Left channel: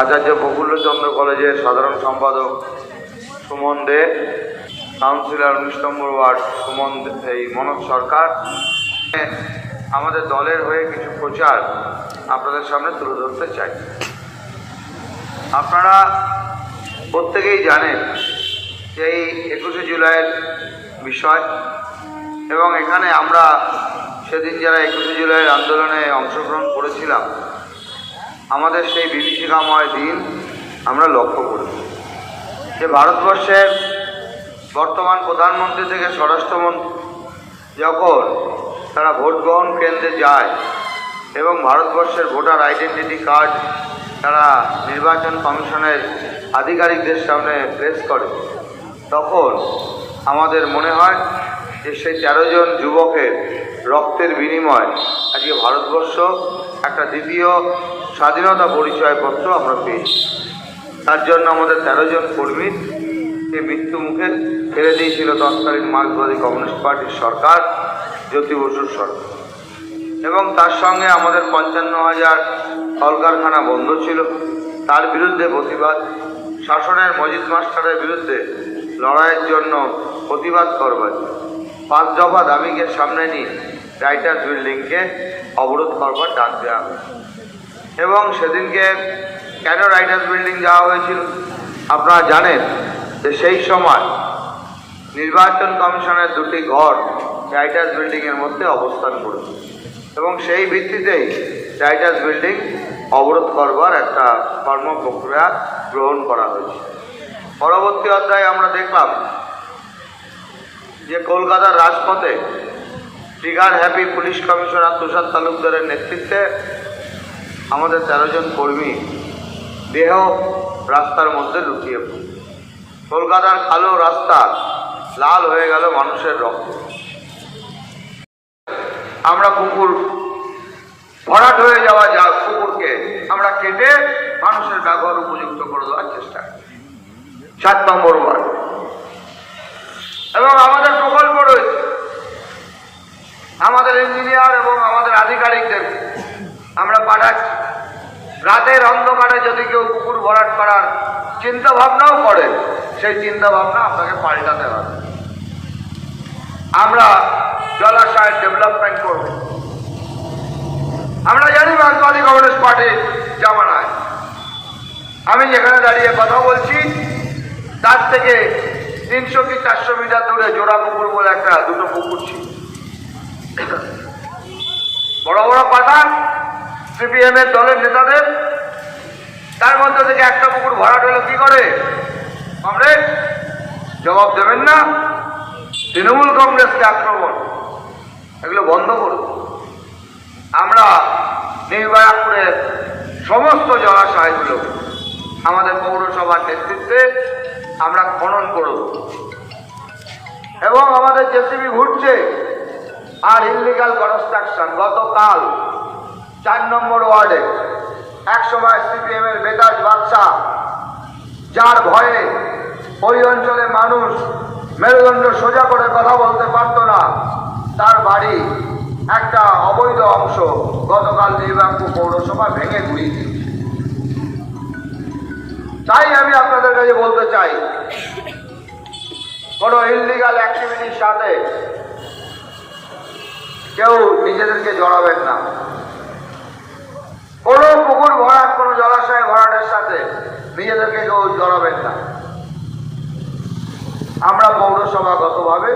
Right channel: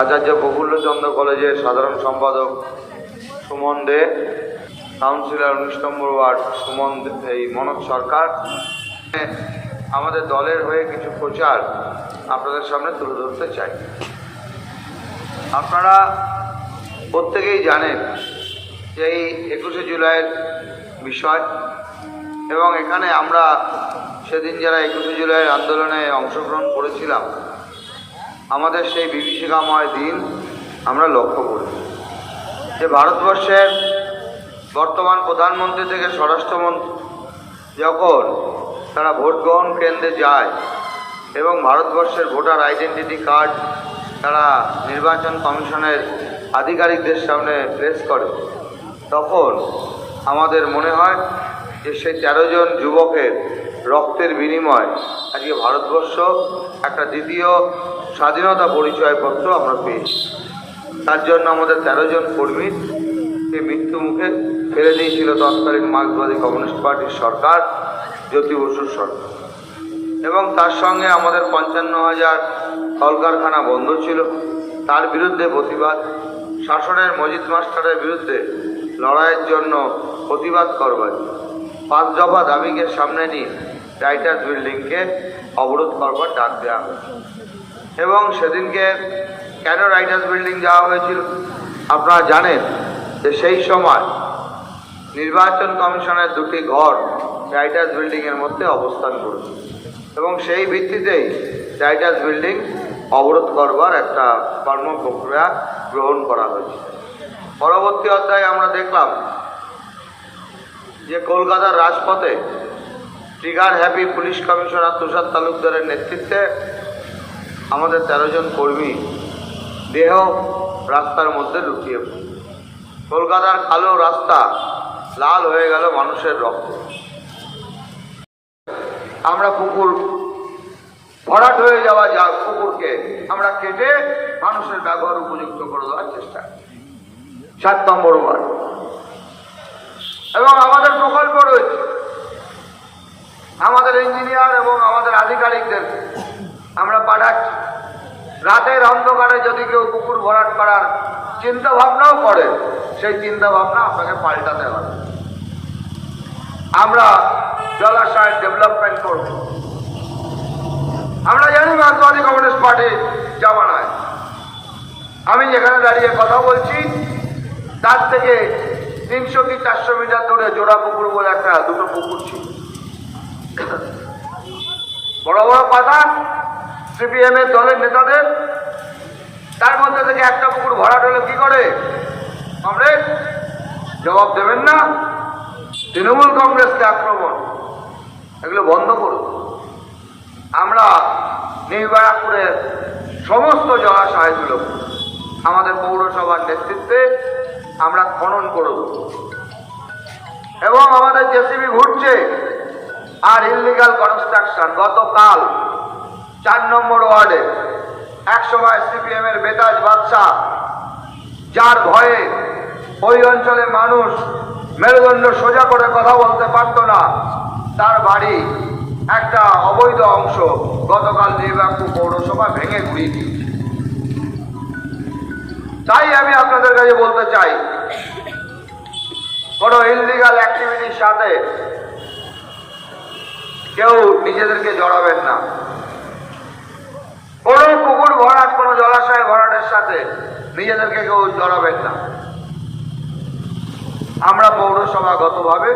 আচার্য প্রফুল্লচন্দ্র কলেজের সাধারণ সম্পাদক সুমন দে, কাউন্সিলর উনিশ নম্বর ওয়ার্ড সুমন এই মনোজ সরকার। আমাদের দলের হয়ে কিছু প্রচার আপনাদের সামনে তুলে ধরতে চাই। আপনারা প্রত্যেকেই জানেন যে এই একুশে জুলাইয়ের বিষয় এবং এখানে আমরা সেদিন যারা একুশে জুলাইয়ের আন্দোলনে অংশগ্রহণ করেছিলাম আমাদের সেই বিভীষিকাময় দিন আমরা লক্ষ্য করি। যে ভারতবর্ষের বর্তমান প্রধানমন্ত্রী থেকে স্বরাষ্ট্রমন্ত্রী যখন তারা ভোট গ্রহণ কেন্দ্রে যায় এবং ভারতবর্ষের ভোটার আইডেন্টিটি কার্ড তারা নির্বাচন কমিশনের আধিকারিকদের সামনে প্লেস করে, তখন আমাদের মনে হয় যে সেই তেরো জন যুবকের রক্তের বিনিময়। আজকে ভারতবর্ষ একটা দ্বিতীয় স্বাধীনতা পরিচয়পত্র আমরা পেয়েছি। তার জন্য আমাদের তেরো জন কর্মী এই মৃত্যু মুখে ফেলে দিয়েছিল তৎকালীন মার্ক্সবাদী কমিউনিস্ট পার্টির সরকার, জ্যোতি বসুর সরকার। এবং তার সঙ্গে আমাদের পঞ্চান্ন হাজার কলকারখানা বন্ধ ছিল। তার বিরুদ্ধে প্রতিবাদ। শাসনের মজিদ মাস্টারের বিরুদ্ধে লড়াইয়ের জন্য প্রতিবাদ করবার। পাঁচ দফা দাবিকে সামনে নিয়ে রাইটার্স বিল্ডিংকে অবরোধ করবার ডাক দেওয়া হয়েছে এবং সেদিনকে কেন রাইটার্স বিল্ডিং যাওয়া হয়েছিল? আপনারা জানেন যে সেই সময় নির্বাচন কমিশনের দুটি ঘর রাইটার্স বিল্ডিংয়ের মধ্যে অবস্থান করেছে। এবং সেই ভিত্তিতেই রাইটার্স বিল্ডিং অবরোধ করবার একটা কর্ম প্রক্রিয়া গ্রহণ করা হয়েছে। পরবর্তী অধ্যায়ে আমরা দেখলাম যে কলকাতার রাজপথে trigger happy police commissioner Tushar তালুকদারের নেতৃত্বে আমাদের তেরো জন কর্মী দেহ রাস্তার মধ্যে পড়ল। কলকাতার কালো রাস্তা লাল হয়ে গেল মানুষের রক্ত আমরা পুকুর ভরাট হয়ে যাওয়া যা পুকুরকে আমরা কেটে মানুষের ব্যবহার উপযুক্ত করে দেওয়ার চেষ্টা। সাত নম্বর ওয়ার্ড এবং আমাদের রয়েছে আমাদের ইঞ্জিনিয়ার এবং আমাদের আধিকারিকদের আমরা পাঠাচ্ছি। রাতের অন্ধকারে যদি কেউ পুকুর ভরাট করার চিন্তা ভাবনাও করে, সেই চিন্তা ভাবনা আপনাকে পাল্টাতে হবে। আমরা জলাশয়ের ডেভেলপমেন্ট করব। আমরা জানি মার্কবাদী কমিউনিস্ট পার্টির জামানায়। আমি যেখানে দাঁড়িয়ে কথা বলছি, তার থেকে তিনশো কি চারশো মিটার দূরে জোড়া পুকুর বলে একটা দুটো পুকুর ছিল। বড় বড় পাতা সিপিএম এর দলের নেতাদের। তার মধ্যে থেকে একটা পুকুর ভরাট হলো কি করে? কংগ্রেস জবাব দেবেন না। তৃণমূল কংগ্রেসকে আক্রমণ। এগুলো বন্ধ করুন। আমরা নির্বাচনের সমস্ত জলাশয়গুলো, আমাদের পৌরসভার নেতৃত্বে আমরা খনন করব। এবং আমাদের জেসিবি ঘুরছে। আর ইলিগাল কনস্ট্রাকশন গতকাল চার নম্বর ওয়ার্ডে এক সময় সিপিএম এর বেতাজ বাদশাহ, যার ভয়ে ওই অঞ্চলের মানুষ মেরুদণ্ড সোজা করে কথা বলতে পারত না। তার বাড়ি একটা অবৈধ অংশ গতকাল নির্বাচন পৌরসভা ভেঙে ঘুরিয়ে। তাই আমি আপনাদের কাছে চাই। কোনো ইললিগাল অ্যাক্টিভিটির সাথে কেউ নিজেদেরকে জড়াবেন না। কোনো পুকুর ভরাট, কোনো জলাশয় ভরাটের সাথে নিজেদেরকে কেউ জড়াবেন না। আমরা পৌরসভাগতভাবে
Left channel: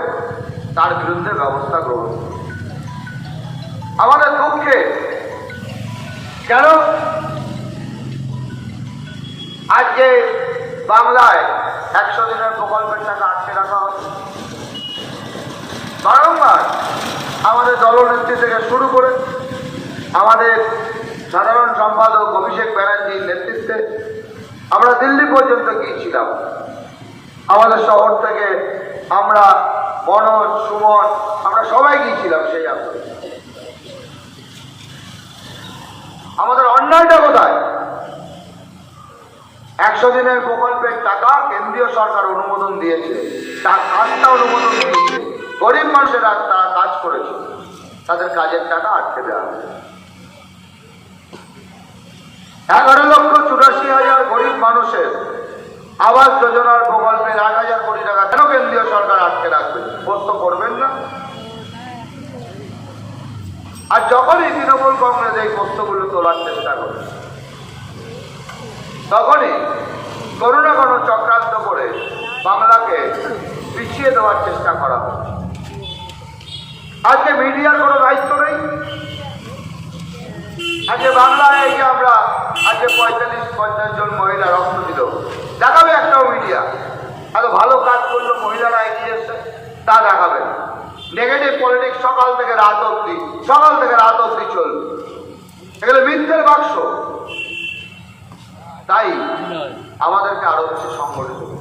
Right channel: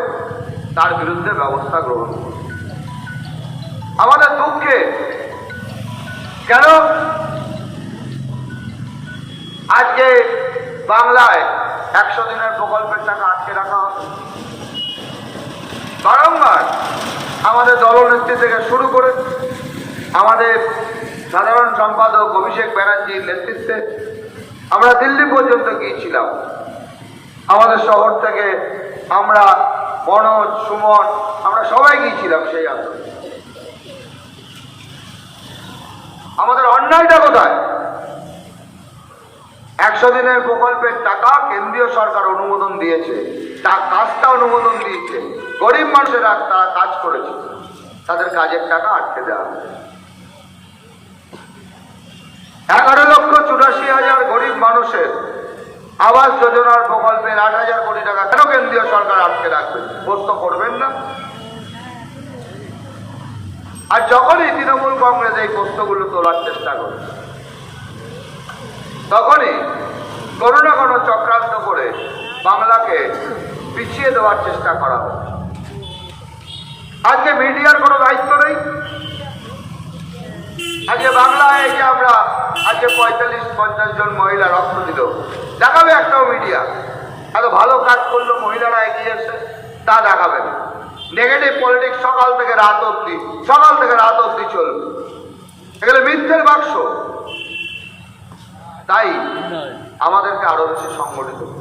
তার বিরুদ্ধে ব্যবস্থা গ্রহণ করি। আমাদের দুঃখে কেন আজকে বাংলায় একশো দিনের প্রকল্পের টাকা আটকে রাখা হবে। বারংবার আমাদের দলনেত্রী থেকে শুরু করে আমাদের সাধারণ সম্পাদক অভিষেক ব্যানার্জির নেতৃত্বে আমরা দিল্লি পর্যন্ত গিয়েছিলাম। আমাদের শহর থেকে আমরা মনোজ, সুমন, আমরা সবাই গিয়েছিলাম সেই আন্দোলনে। আমাদের অন্যায়টা কোথায়? একশো দিনের প্রকল্পের টাকা কেন্দ্রীয় সরকার অনুমোদন দিয়েছে। তার কাজটা অনুমোদন দিয়েছে। গরিব মানুষেরা তারা কাজ করেছে। তাদের কাজের টাকা আটকে দেওয়া হয়েছে। এগারো লক্ষ চুরাশি হাজার গরিব মানুষের আবাস যোজনার প্রকল্পের আট হাজার কোটি টাকা কেন কেন্দ্রীয় সরকার আটকে রাখবে? প্রশ্ন করবেন না। আর যখনই তৃণমূল কংগ্রেস এই প্রশ্নগুলো তোলার চেষ্টা করে তখনই কোনো না কোনো চক্রান্ত করে বাংলাকে পিছিয়ে দেওয়ার চেষ্টা করা হয় আজকে মিডিয়ার কোনো দায়িত্ব নেই? আজকে বাংলায় এই আমরা আজকে পঁয়তাল্লিশ, পঞ্চাশ জন মহিলা রক্ত দিল, দেখাবে একটাও মিডিয়া। এত ভালো কাজ করল মহিলারা এগিয়ে এসে তা দেখাবে নেগেটিভ পলিটিক্স সকাল থেকে রাত অব্দি সকাল থেকে রাত অব্দি চলবে। এগুলো মিথ্যের বাক্স। তাই আমাদেরকে আরও বেশি সংগঠিত।